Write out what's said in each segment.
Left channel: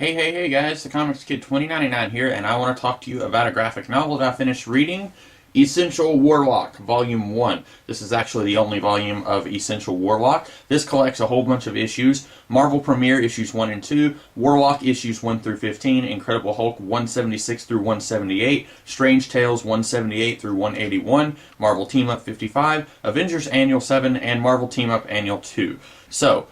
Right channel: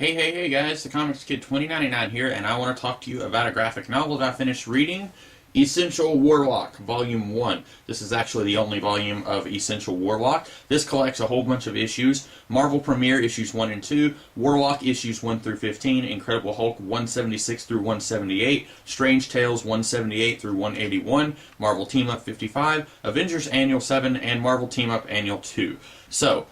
Hey guys, the Comics Kid 2099 here, and I want to talk to you about a graphic novel that I finished reading, Essential Warlock, Volume 1. This is actually the only volume of Essential Warlock. This collects a whole bunch of issues. Marvel Premiere issues 1 and 2, Warlock issues 1 through 15, Incredible Hulk 176 through 178, Strange Tales 178 through 181, Marvel Team Up 55, Avengers Annual 7, and Marvel Team Up Annual 2. So,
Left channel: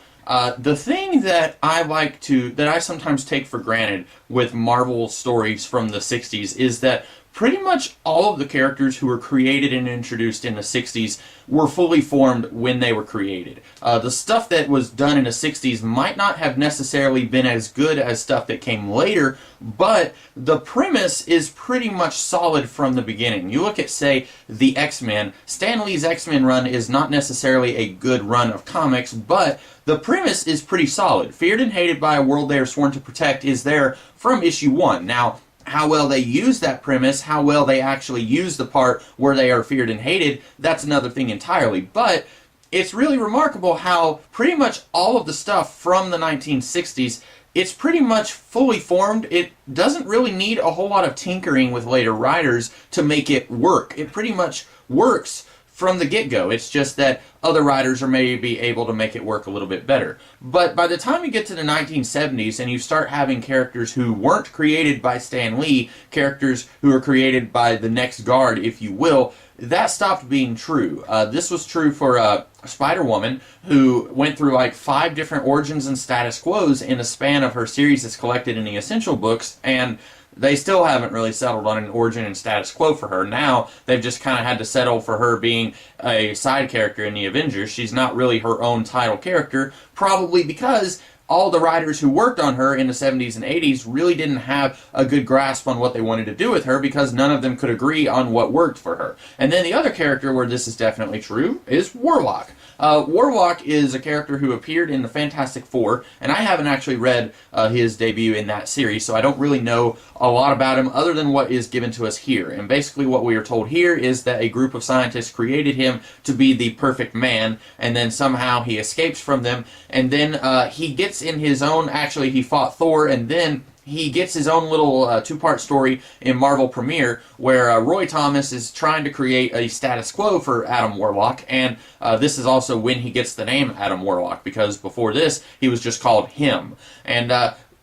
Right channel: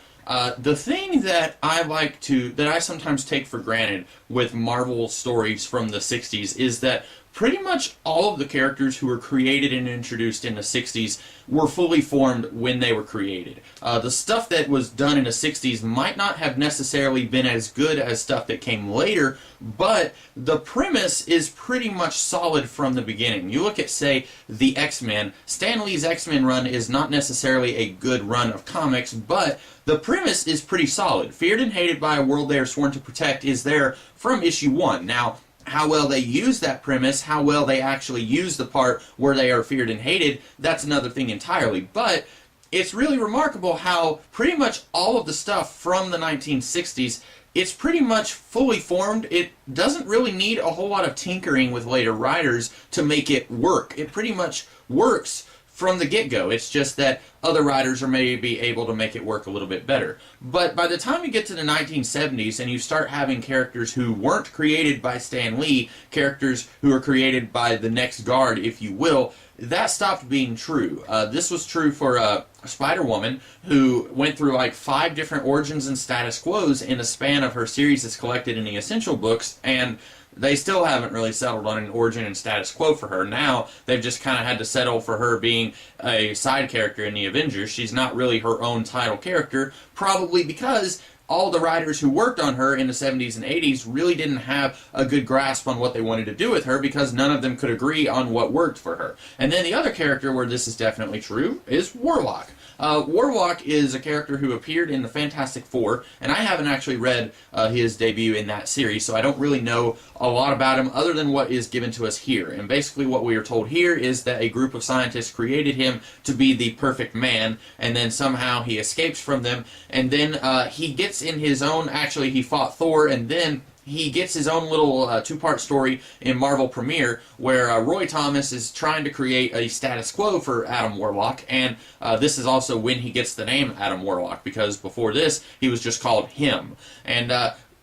the thing that I sometimes take for granted with Marvel stories from the 60s is that pretty much all of the characters who were created and introduced in the 60s were fully formed when they were created. The stuff that was done in the 60s might not have necessarily been as good as stuff that came later, but the premise is pretty much solid from the beginning. You look at, say, the X-Men. Stan Lee's X-Men run is not necessarily a good run of comics, but the premise is pretty solid. Feared and hated by a world they are sworn to protect is there from issue 1. Now, how well they use that premise, how well they actually use the part where they are feared and hated, that's another thing entirely. But it's really remarkable how pretty much all of the stuff from the 1960s, it's pretty much fully formed. It doesn't really need a whole lot of tinkering with later writers to make it work. It pretty much works from the get-go. It's just that other writers are maybe able to make it work a little bit better. But by the time you get to the 1970s and you start having characters who weren't created by Stan Lee, characters who are created by the next guard, if you will, that stopped being true. This was true for Spider-Woman, who went through like 5 different origins and status quos in the span of her series that's collected in the Essential books, and they still haven't really settled on an origin and status quo for her. Now, they've just kind of had to settle for her being a side character in the Avengers. She's not really her own title character, probably because all the writers who worked on her in the 70s and 80s really didn't have a good grasp on what they wanted to do with her because none of them could agree on what worked for her. And then the other character where this is definitely true is Warlock. Warlock is a character who appeared in the Fantastic Four, and I haven't actually read his debut in that series, so I don't really know a lot about him other than what is given to us here. And basically what we are told here is that a group of scientists created him to be the perfect man, and then somehow he escapes from them, and then he gets in his own, actually he fought Thor, and then he gets his own little two-part story in Marvel Premiere where Roy Thomas is trying to create a status quo for Adam Warlock, and this is also when he gets the name Adam Warlock, because before this he was just called him. And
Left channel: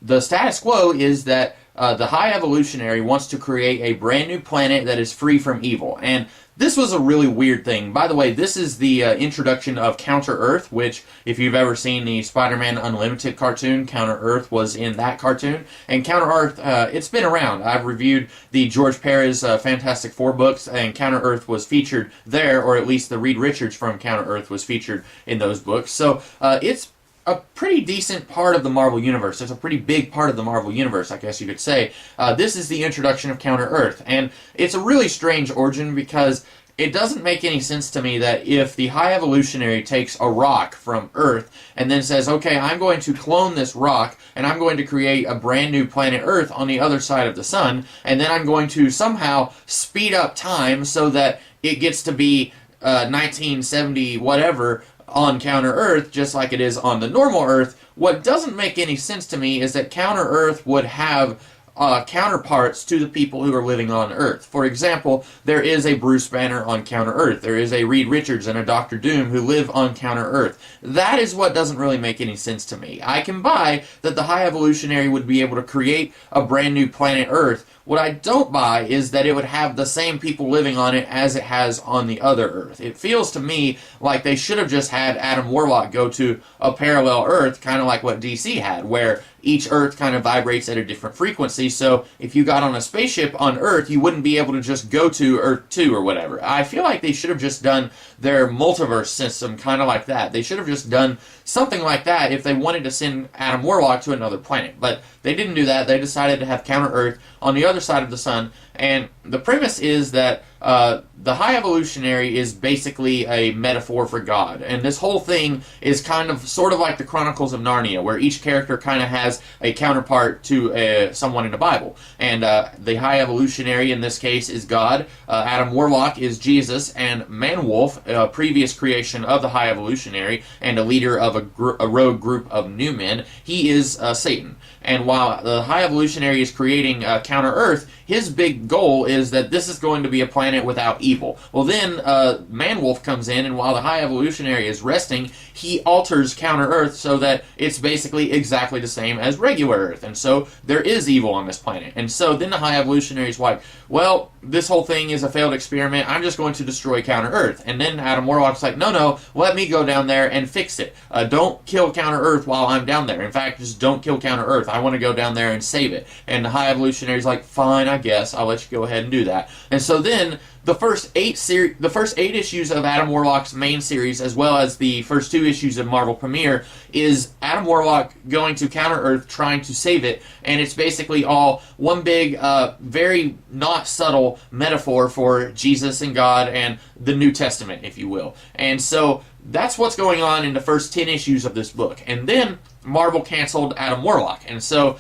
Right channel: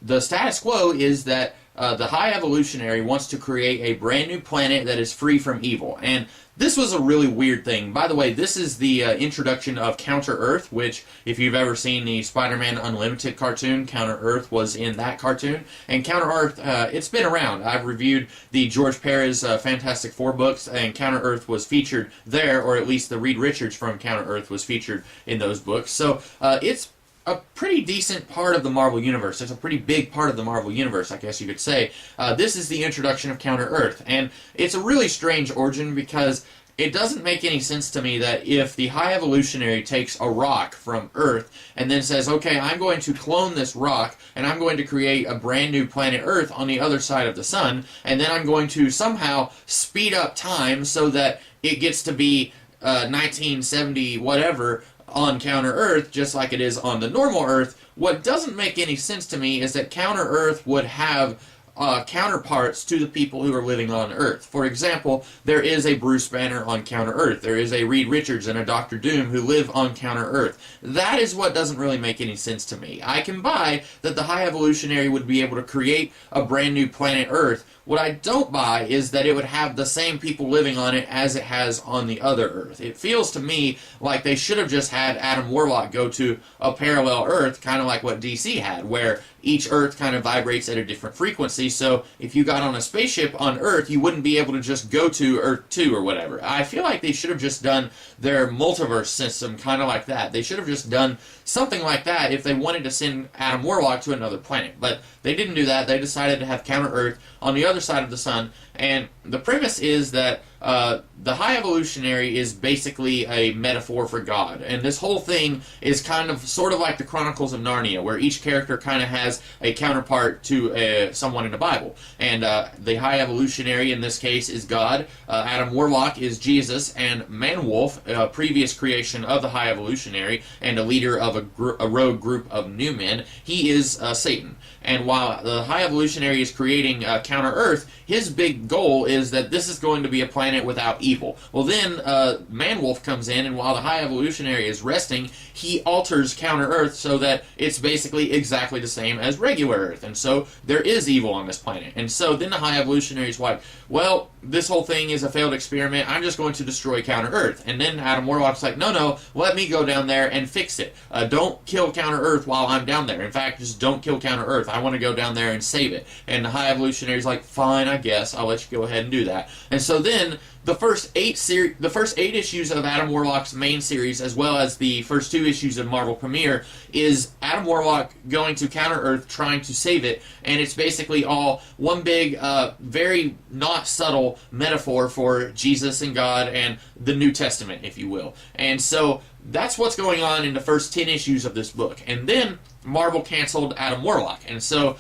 the status quo is that the High Evolutionary wants to create a brand new planet that is free from evil. And this was a really weird thing. By the way, this is the introduction of Counter-Earth, which, if you've ever seen the Spider-Man Unlimited cartoon, Counter-Earth was in that cartoon. And Counter-Earth, it's been around. I've reviewed the George Perez Fantastic Four books, and Counter-Earth was featured there, or at least the Reed Richards from Counter-Earth was featured in those books. So it's a pretty decent part of the Marvel Universe. It's a pretty big part of the Marvel Universe, I guess you could say. This is the introduction of Counter-Earth, and it's a really strange origin because it doesn't make any sense to me that if the High Evolutionary takes a rock from Earth and then says, okay, I'm going to clone this rock and I'm going to create a brand new planet Earth on the other side of the sun, and then I'm going to somehow speed up time so that it gets to be 1970 whatever on Counter-Earth, just like it is on the normal Earth. What doesn't make any sense to me is that Counter-Earth would have counterparts to the people who are living on Earth. For example, there is a Bruce Banner on Counter-Earth. There is a Reed Richards and a Dr. Doom who live on Counter-Earth. That is what doesn't really make any sense to me. I can buy that the High Evolutionary would be able to create a brand new planet Earth. What I don't buy is that it would have the same people living on it as it has on the other Earth. It feels to me like they should have just had Adam Warlock go to a parallel Earth, kind of like what DC had, where each Earth kind of vibrates at a different frequency, so if you got on a spaceship on Earth, you wouldn't be able to just go to Earth 2 or whatever. I feel like they should have just done their multiverse system kind of like that. They should have just done something like that if they wanted to send Adam Warlock to another planet. But they didn't do that. They decided to have Counter-Earth on the other side of the sun, and the premise is that the High Evolutionary is basically a metaphor for God, and this whole thing is kind of sort of like the Chronicles of Narnia, where each character kind of has a counterpart to someone in the Bible. And the High Evolutionary in this case is God, Adam Warlock is Jesus, and Manwolf, a previous creation of the High Evolutionary and a leader of a rogue group of new men, he is Satan. And while the High Evolutionary is creating Counter-Earth, his big goal is that this is going to be a planet without evil. Well, then Man-Wolf comes in, and while the High Evolutionary is resting, he alters Counter-Earth so that it's basically exactly the same as regular Earth. And so there is evil on this planet. And so then the High Evolutionary is like, well, this whole thing is a failed experiment. I'm just going to destroy Counter-Earth. And then Adam Warlock's like, no, let me go down there and fix it. Don't kill Counter-Earth while I'm down there. In fact, just don't kill Counter-Earth. I want to go down there and save it. And the High Evolutionary's like, fine, I guess. I'll let you go ahead and do that. And so then the first eight issues of Adam Warlock's main series, as well as the first 2 issues of Marvel Premiere, is Adam Warlock going to Counter-Earth, trying to save it, and it's basically all one big, very not subtle metaphor for Jesus and God and the New Testament, if you will. And so that's what's going on in the first 10 issues of this book. And then Marvel canceled Adam Warlock, and so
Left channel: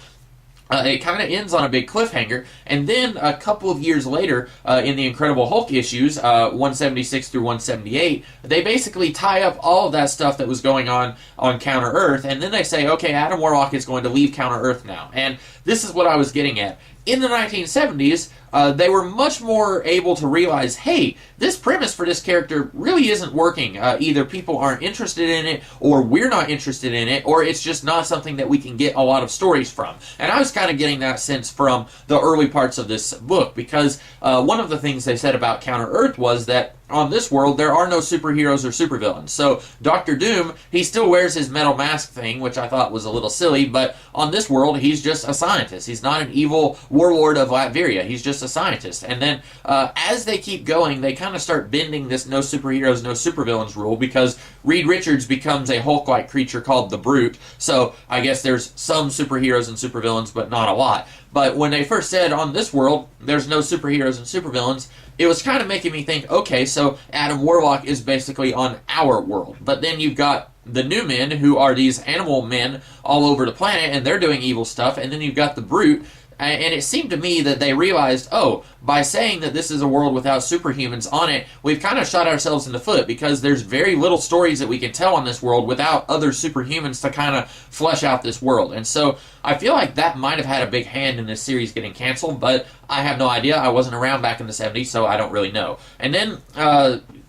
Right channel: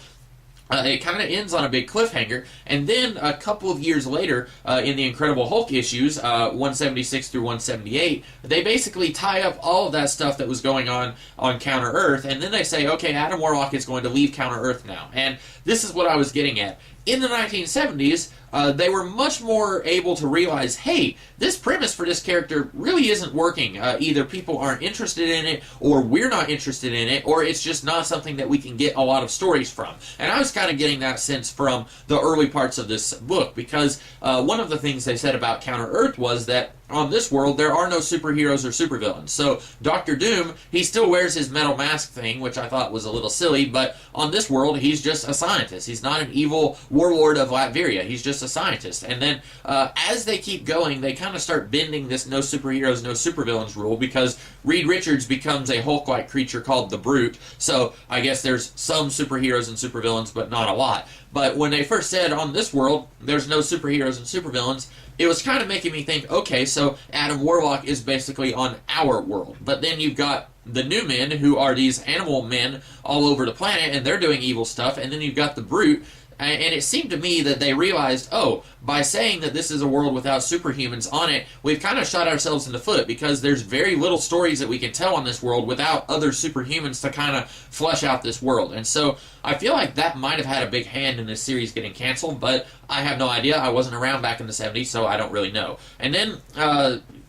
it kind of ends on a big cliffhanger, and then a couple of years later, in the Incredible Hulk issues, 176 through 178, they basically tie up all of that stuff that was going on Counter-Earth, and then they say, okay, Adam Warlock is going to leave Counter-Earth now. And this is what I was getting at. In the 1970s, they were much more able to realize, hey, this premise for this character really isn't working. Either people aren't interested in it, or we're not interested in it, or it's just not something that we can get a lot of stories from. And I was kind of getting that sense from the early parts of this book, because one of the things they said about Counter-Earth was that on this world, there are no superheroes or supervillains. So Dr. Doom, he still wears his metal mask thing, which I thought was a little silly, but on this world, he's just a scientist. He's not an evil warlord of Latveria. He's just a scientist. And then as they keep going, they kind of start bending this no superheroes, no supervillains rule, because Reed Richards becomes a Hulk-like creature called the Brute. So I guess there's some superheroes and supervillains, but not a lot. But when they first said on this world, there's no superheroes and supervillains, it was kind of making me think, okay, so Adam Warlock is basically on our world. But then you've got the New Men, who are these animal men all over the planet, and they're doing evil stuff. And then you've got the Brute. And it seemed to me that they realized, oh, by saying that this is a world without superhumans on it, we've kind of shot ourselves in the foot, because there's very little stories that we can tell on this world without other superhumans to kind of flesh out this world. And so I feel like that might have had a big hand in this series getting canceled, but I have no idea. I wasn't around back in the 70s, so I don't really know. And then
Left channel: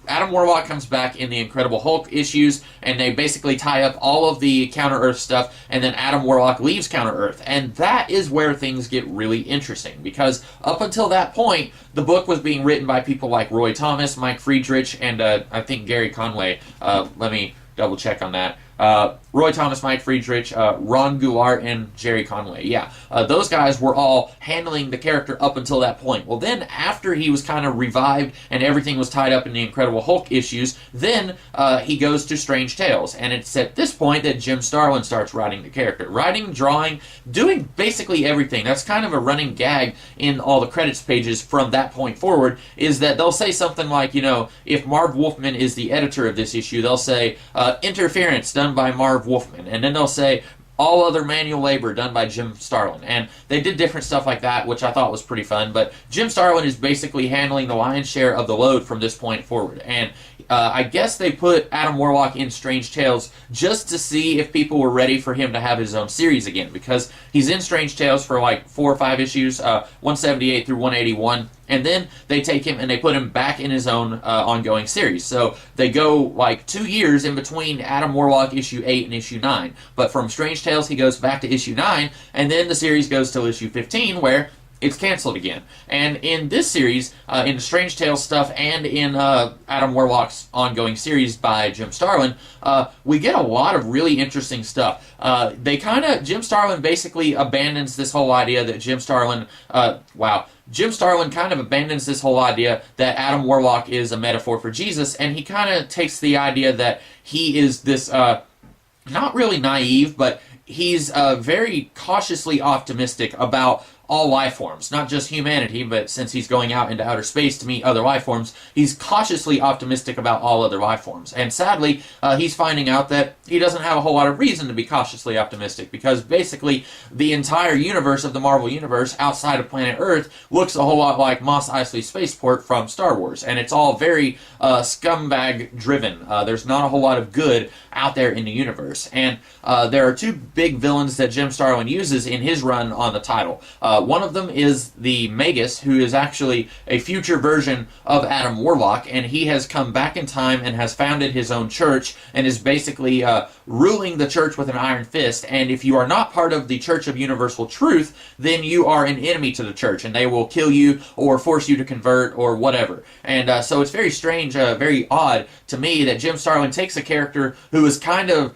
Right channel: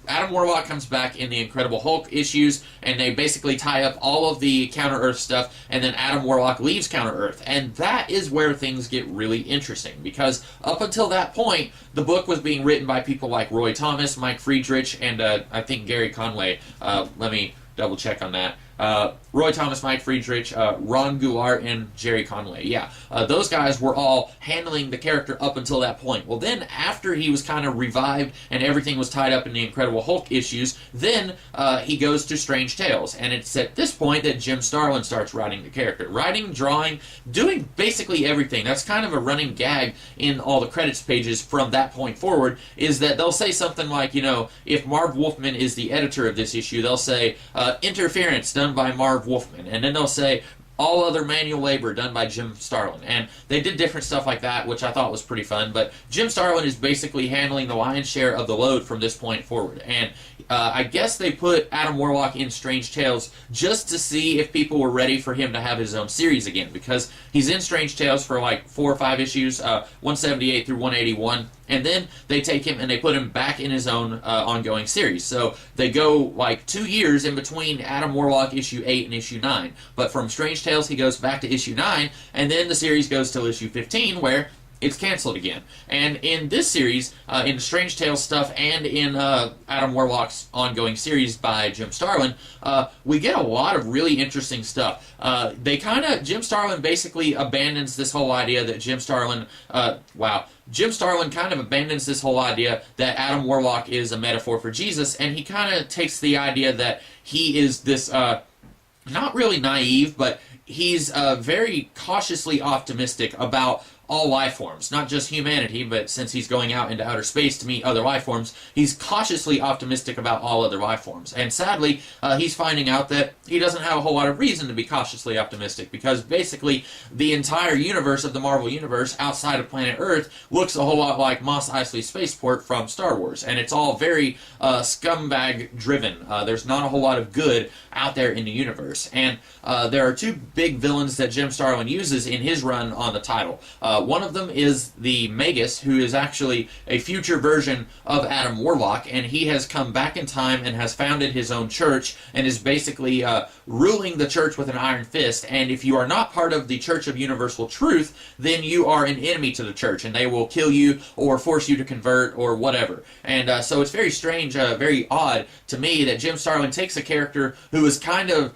Adam Warlock comes back in the Incredible Hulk issues, and they basically tie up all of the Counter-Earth stuff, and then Adam Warlock leaves Counter-Earth. And that is where things get really interesting, because up until that point, the book was being written by people like Roy Thomas, Mike Friedrich, and I think Gary Conway. Let me double check on that. Roy Thomas, Mike Friedrich, Ron Goulart, and Jerry Conway. Yeah, those guys were all handling the character up until that point. Well, then after he was kind of revived and everything was tied up in the Incredible Hulk issues, then he goes to Strange Tales. And it's at this point that Jim Starlin starts writing the character. Writing, drawing, doing basically everything. That's kind of a running gag in all the credits pages from that point forward, is that they'll say something like, you know, if Marv Wolfman is the editor of this issue, they'll say, interference done by Marv Wolfman, and then they'll say all other manual labor done by Jim Starlin. And they did different stuff like that, which I thought was pretty fun. But Jim Starlin is basically handling the lion's share of the load from this point forward. And I guess they put Adam Warlock in Strange Tales just to see if people were ready for him to have his own series again, because he's in Strange Tales for like 4 or 5 issues, 178 through 181. And then they take him and they put him back in his own ongoing series. So they go like 2 years in between Adam Warlock issue 8 and issue 9. But from Strange Tales, he goes back to issue 9, and then the series goes till issue 15, where it's canceled again. And in this series, in the Strange Tales stuff and in Adam Warlock's ongoing series by Jim Starlin, we get a lot of really interesting stuff. Jim Starlin basically abandons this whole idea that Jim Starlin kind of abandons this whole idea that Adam Warlock is a metaphor for Jesus, and he kind of takes the idea that he is this, not really naive, but he's very cautiously optimistic about all life forms, not just humanity, but since he's going out into outer space to meet other life forms, he's cautiously optimistic about all other life forms. And sadly, he's finding out that he doesn't have a whole lot of reason to be cautiously optimistic, because basically the entire universe of the Marvel Universe outside of planet Earth looks a whole lot like Mos Eisley Spaceport from Star Wars, and it's all very scumbag driven. There's not a whole lot of good out there in the universe, and there are two big villains that Jim Starlin uses in his run on the title. One of them is the Magus, who is actually a future version of Adam Warlock, and he has come back in time and has founded his own church and is basically ruling the church with an iron fist. And if you are not part of the Church of Universal Truth, then you are an enemy to the church, and they will kill you or force you to convert or whatever. And so it's very strange, very odd to me that Jim Starlin takes a character who is kind of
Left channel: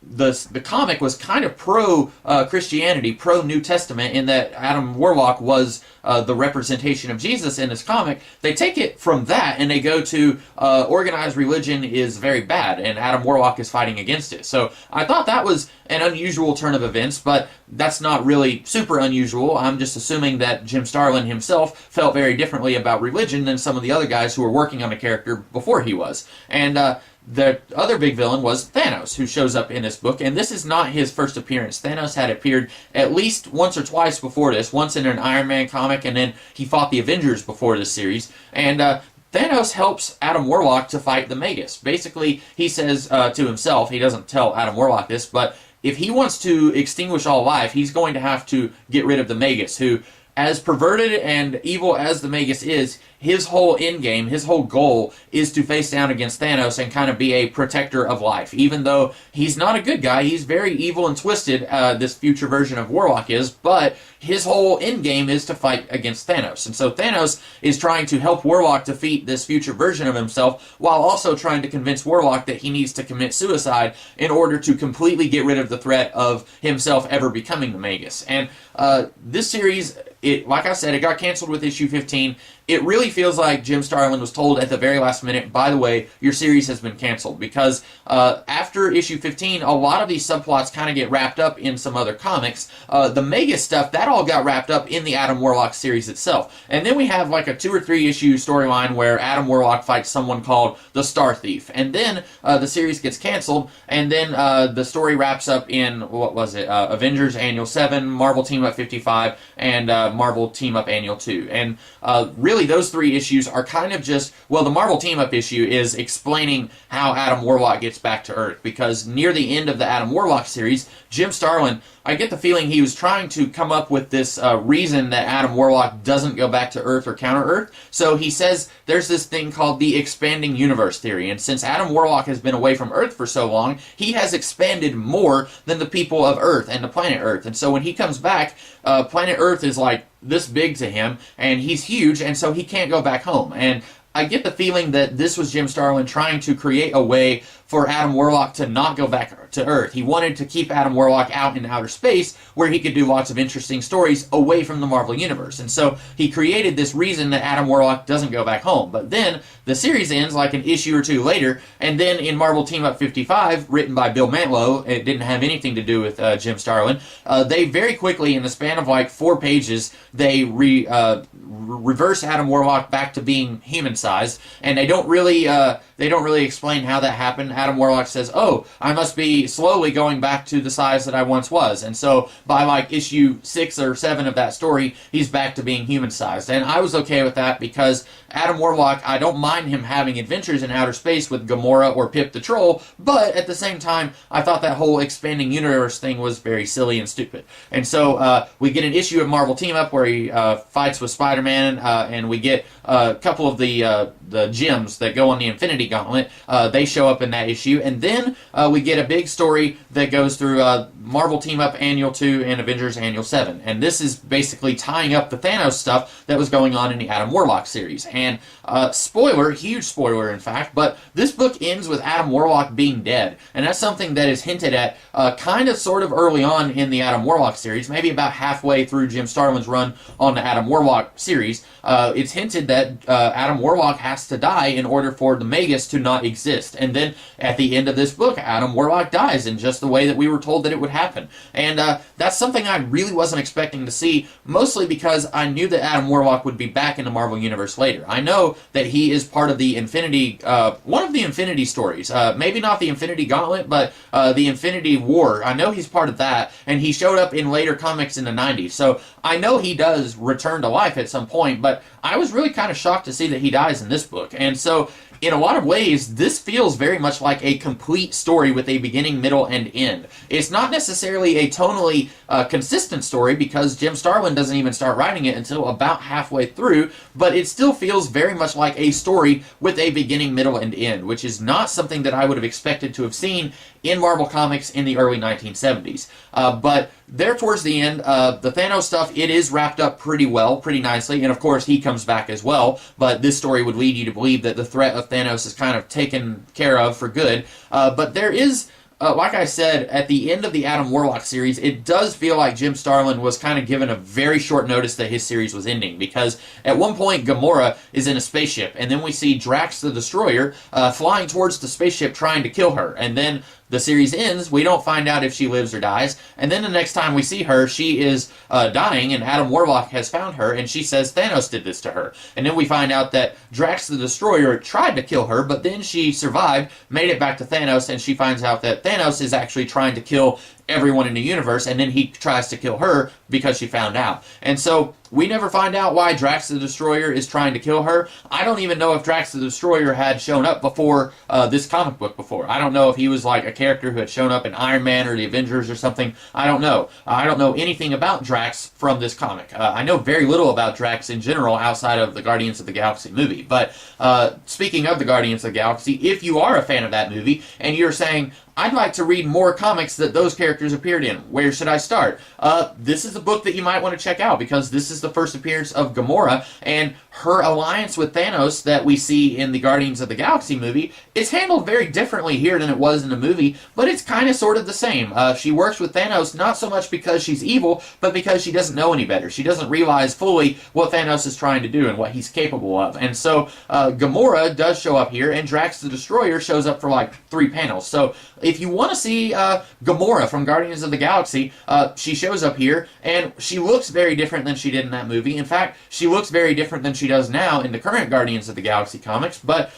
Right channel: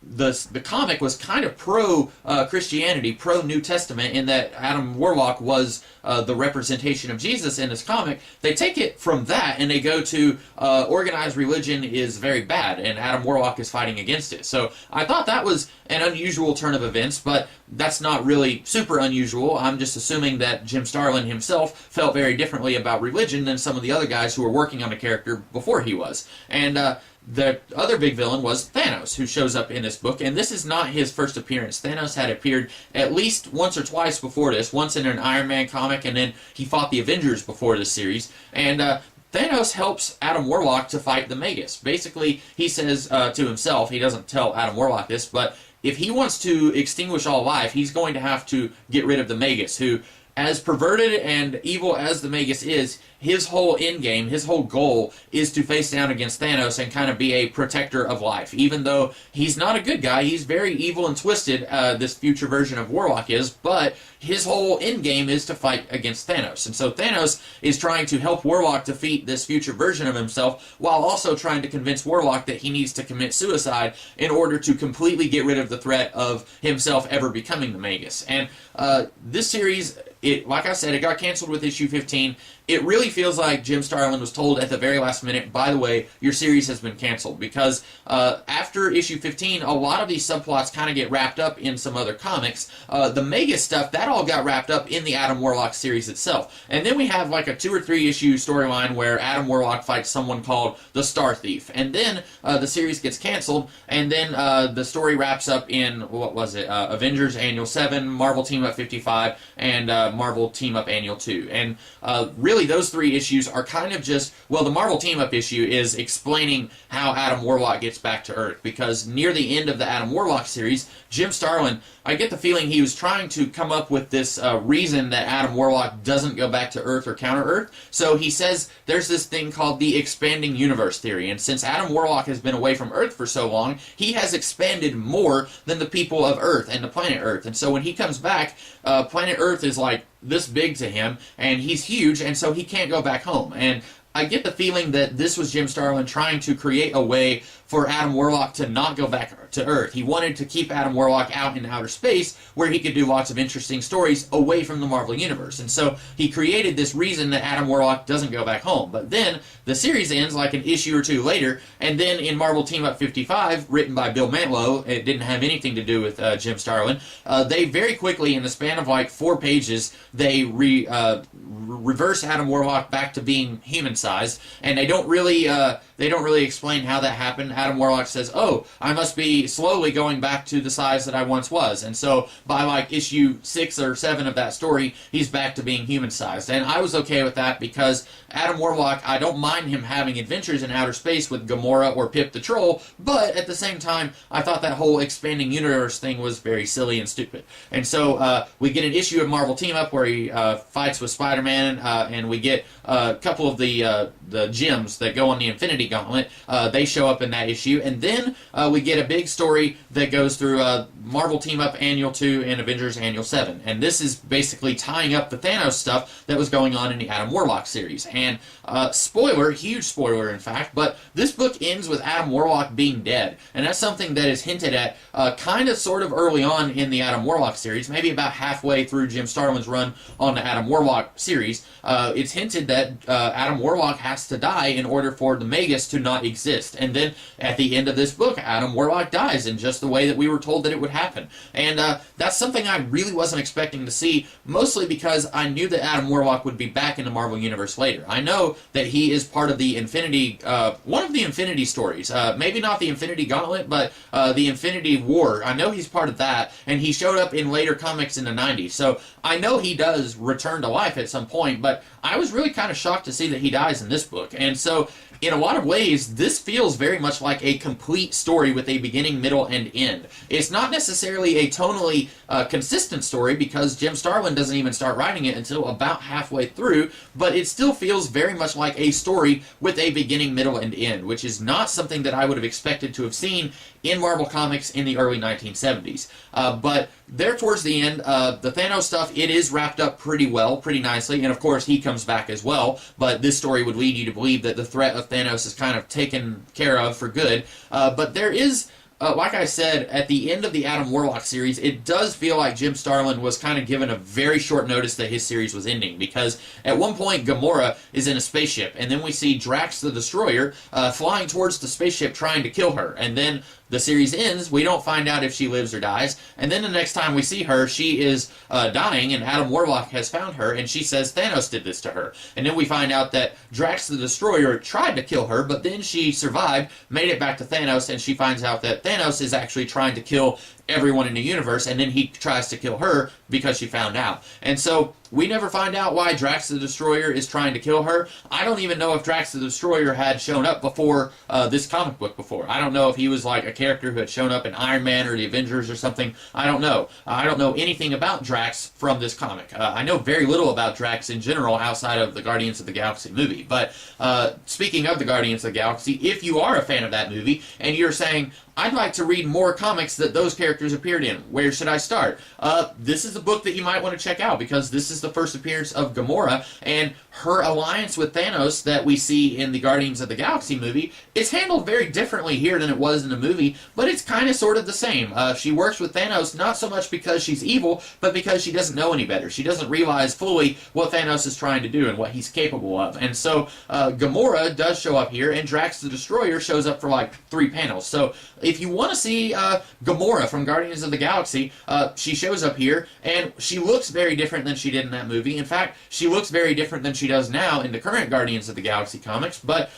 the comic was kind of pro Christianity, pro New Testament, in that Adam Warlock was the representation of Jesus in this comic. They take it from that and they go to organized religion is very bad, and Adam Warlock is fighting against it. So I thought that was an unusual turn of events, but that's not really super unusual. I'm just assuming that Jim Starlin himself felt very differently about religion than some of the other guys who were working on the character before he was. And the other big villain was Thanos, who shows up in this book, and this is not his first appearance. Thanos had appeared at least once or twice before this, once in an Iron Man comic, and then he fought the Avengers before this series. And Thanos helps Adam Warlock to fight the Magus. Basically, he says to himself, he doesn't tell Adam Warlock this, but if he wants to extinguish all life, he's going to have to get rid of the Magus, who, as perverted and evil as the Magus is, his whole end game, his whole goal is to face down against Thanos and kind of be a protector of life. Even though he's not a good guy, he's very evil and twisted, this future version of Warlock is, but his whole end game is to fight against Thanos. And so Thanos is trying to help Warlock defeat this future version of himself, while also trying to convince Warlock that he needs to commit suicide in order to completely get rid of the threat of himself ever becoming the Magus. And this series, like I said, it got canceled with issue 15. It really feels like Jim Starlin was told at the very last minute, by the way, your series has been canceled, because after issue 15, a lot of these subplots kind of get wrapped up in some other comics. The Magus stuff, that all got wrapped up in the Adam Warlock series itself. And then we have like a 2 or 3 issue storyline where Adam Warlock fights someone called the Star Thief. And then the series gets canceled, and then the story wraps up in, what was it, Avengers Annual 7, Marvel Team Up 55, and Marvel Team Up Annual 2. And really, those 3 issues are kind of just, well, the Marvel Team-Up issue is explaining how Adam Warlock gets back to Earth, because near the end of the Adam Warlock series, Jim Starlin, I get the feeling he was trying to come up with this reason that Adam Warlock doesn't go back to Earth or counter Earth. So he says there's this thing called the expanding universe theory, and since Adam Warlock has been away from Earth for so long, he has expanded more than the people of Earth and the planet Earth. And so when he comes back, planet Earth is like this big to him, and he's huge, and so he can't go back home. And I get the feeling that this was Jim Starlin trying to create a way for Adam Warlock to not go back to Earth. He wanted to keep Adam Warlock out in outer space where he could do lots of interesting stories away from the Marvel Universe. And so he created this reason that Adam Warlock doesn't go back home. But then the series ends like an issue or 2 later, and then in Marvel Team Up 55, written by Bill Mantlo, it didn't have anything to do with Jim Starlin, they very quickly, in the span of like 4 pages, they reverse Adam Warlock back to being human-sized, and they don't really explain how that happened. Adam Warlock says, oh, I must be slowly going back to the size that I once was. And so by like issue 6 or 7 of that story, he's back to being human-sized. And I was okay with that, because Adam Warlock, I don't mind him having adventures in outer space with Gamora or Pip the Troll, but at the same time, I thought that whole expanding universe thing was very silly and stupid. And so we get an issue of Marvel Team-Up where he fights with Spider-Man, and we get a couple of the gems that go on the Infinity Gauntlet. They show up in that issue, and then we get a big story that goes through Marvel Team-Up Annual 2 and Avengers Annual 7, and this is basically tying up the Thanos stuff that was going on in the Adam Warlock series. And spoiler, huge spoiler in fact, but this book ends with Adam Warlock being dead, and that's something that is hinted at kind of sort of early on in the Adam Warlock series, maybe about halfway through Jim Starlin's run on the Adam Warlock series. It's hinted that Adam Warlock Warlock has to die in order for the Magus to not exist. And then at the end of this book, Adam Warlock dies in just the way that we were told that it would happen. And that's something I really wasn't expecting to see, mostly because I knew that Adam Warlock would be back in the Marvel Universe later. I know that he is part of the Infinity, one of the Infinity stories. Maybe not the Infinity Gauntlet, but the Infinity War. I know he's part of that, and he showed up in later comics in the 90s. So I know he does return to life at some point, but I was really kind of shocked to see that he dies in this book. And so in a lot of ways, this feels very much like a complete story with a beginning, middle, and end. It's not necessarily a tonally consistent story because Jim Starlin doesn't even start writing it until about halfway through, but it still feels very much like a story with a beginning, middle, and end, which is not something that I would have expected to have seen in Marvel Comics in the early 1970s. But there towards the end, the Thanos stuff, it is wrapped up pretty well, pretty nicely, and of course he comes back as well, but this story would lead you to believe that the threat of Thanos is kind of taken care of for good. But there is, like I said, at the end of the Adam Warlock series, it does feel like Jim Starlin was kind of given a very short notice that his series was ending, because at one point Gamora is in a spaceship, and then we see Drax the Destroyer flying towards the spaceship trying to kill her, and then the series ends, we don't find out if she lives or dies, and then the next time we see her, she is dying, and Adam Warlock has found her, and she says Thanos did this to her. And then we find out that Drax the Destroyer tried to kill her, but then she survived, made it back to Thanos, and she finds out that Thanos is actually trying to kill everyone in the universe, and then he tries to kill her because she found out. And so we never find out why Drax the Destroyer is trying to kill her. I don't even know if Drax the Destroyer had shown up before this comic book before. I don't know if he was like a character who had shown up in Iron Man or the Avengers or something. I don't know. I don't know anything about Drax from this comic. I know very little about Drax in general outside of the Guardians of the Galaxy movie. But speaking of the Guardians of the Galaxy, if you are a fan of that movie and you're saying, I'd like to read more comics that those characters appeared in, where should I start? This is a book that you might want to check out, because this is the first appearance of Gamora, and her alliance with Thanos that we see in the Guardians of the Galaxy movie is handled very differently here than it was in the movie, but it's kind of sort of the same. She works with Thanos not so much because she's evil, but because she doesn't know any better. She doesn't realize fully what Thanos is trying to do and what he's capable of. And so Gamora does show up here, and Drax the Destroyer shows up for like 3 panels. So if you want to see Gamora from Guardians of the Galaxy, she shows up here, and she looks very different than she did in that movie. In fact, she looks very different than she does now in the current Guardians of the Galaxy comics, but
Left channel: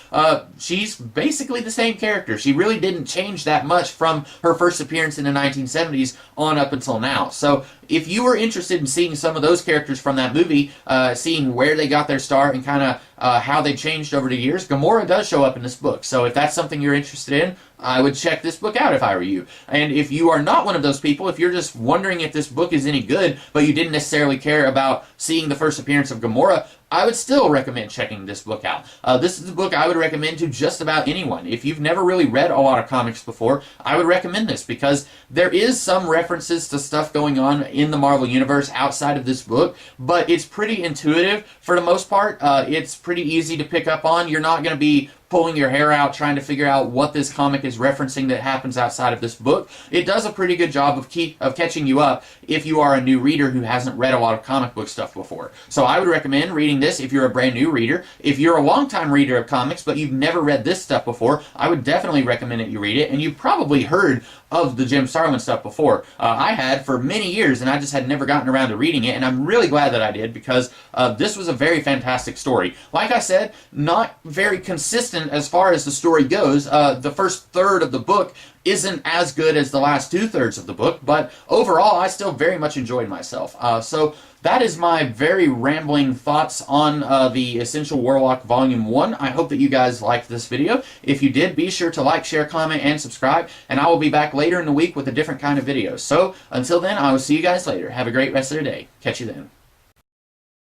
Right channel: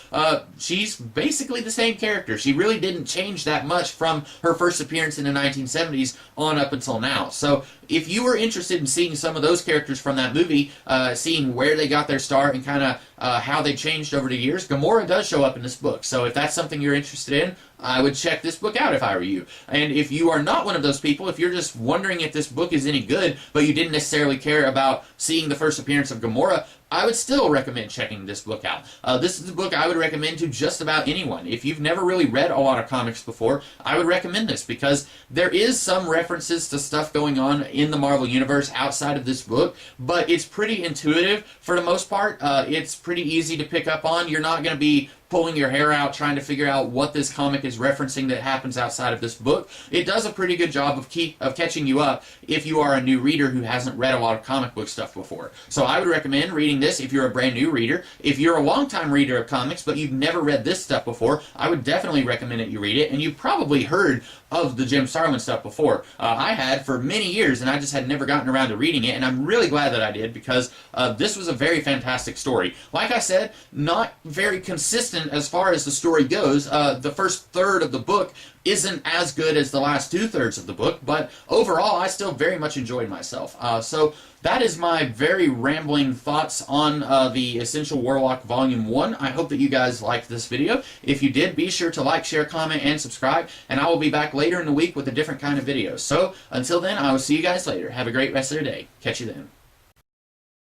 she's basically the same character. She really didn't change that much from her first appearance in the 1970s on up until now. So if you were interested in seeing some of those characters from that movie, seeing where they got their start and kind of how they changed over the years, Gamora does show up in this book. So if that's something you're interested in, I would check this book out if I were you. And if you are not one of those people, if you're just wondering if this book is any good, but you didn't necessarily care about seeing the first appearance of Gamora, I would still recommend checking this book out. This is a book I would recommend to just about anyone. If you've never really read a lot of comics before, I would recommend this, because there is some references to stuff going on in the Marvel Universe outside of this book, but it's pretty intuitive for the most part. It's pretty easy to pick up on. You're not going to be pulling your hair out trying to figure out what this comic is referencing that happens outside of this book. It does a pretty good job of catching you up if you are a new reader who hasn't read a lot of comic book stuff before. So I would recommend reading this if you're a brand new reader. If you're a long-time reader of comics but you've never read this stuff before, I would definitely recommend that you read it. And you've probably heard of the Jim Starlin stuff before. I had for many years, and I just had never gotten around to reading it, and I'm really glad that I did, because this was a very fantastic story. Like I said, not very consistent as far as the story goes. The first third of the book isn't as good as the last 2/3 of the book, but overall I still very much enjoyed myself. So that is my very rambling thoughts on the Essential Warlock Volume 1. I hope that you guys liked this video. If you did, be sure to like, share, comment, and subscribe, and I will be back later in the week with a different kind of video. So until then, I will see you guys later. Have a great rest of your day. Catch you then.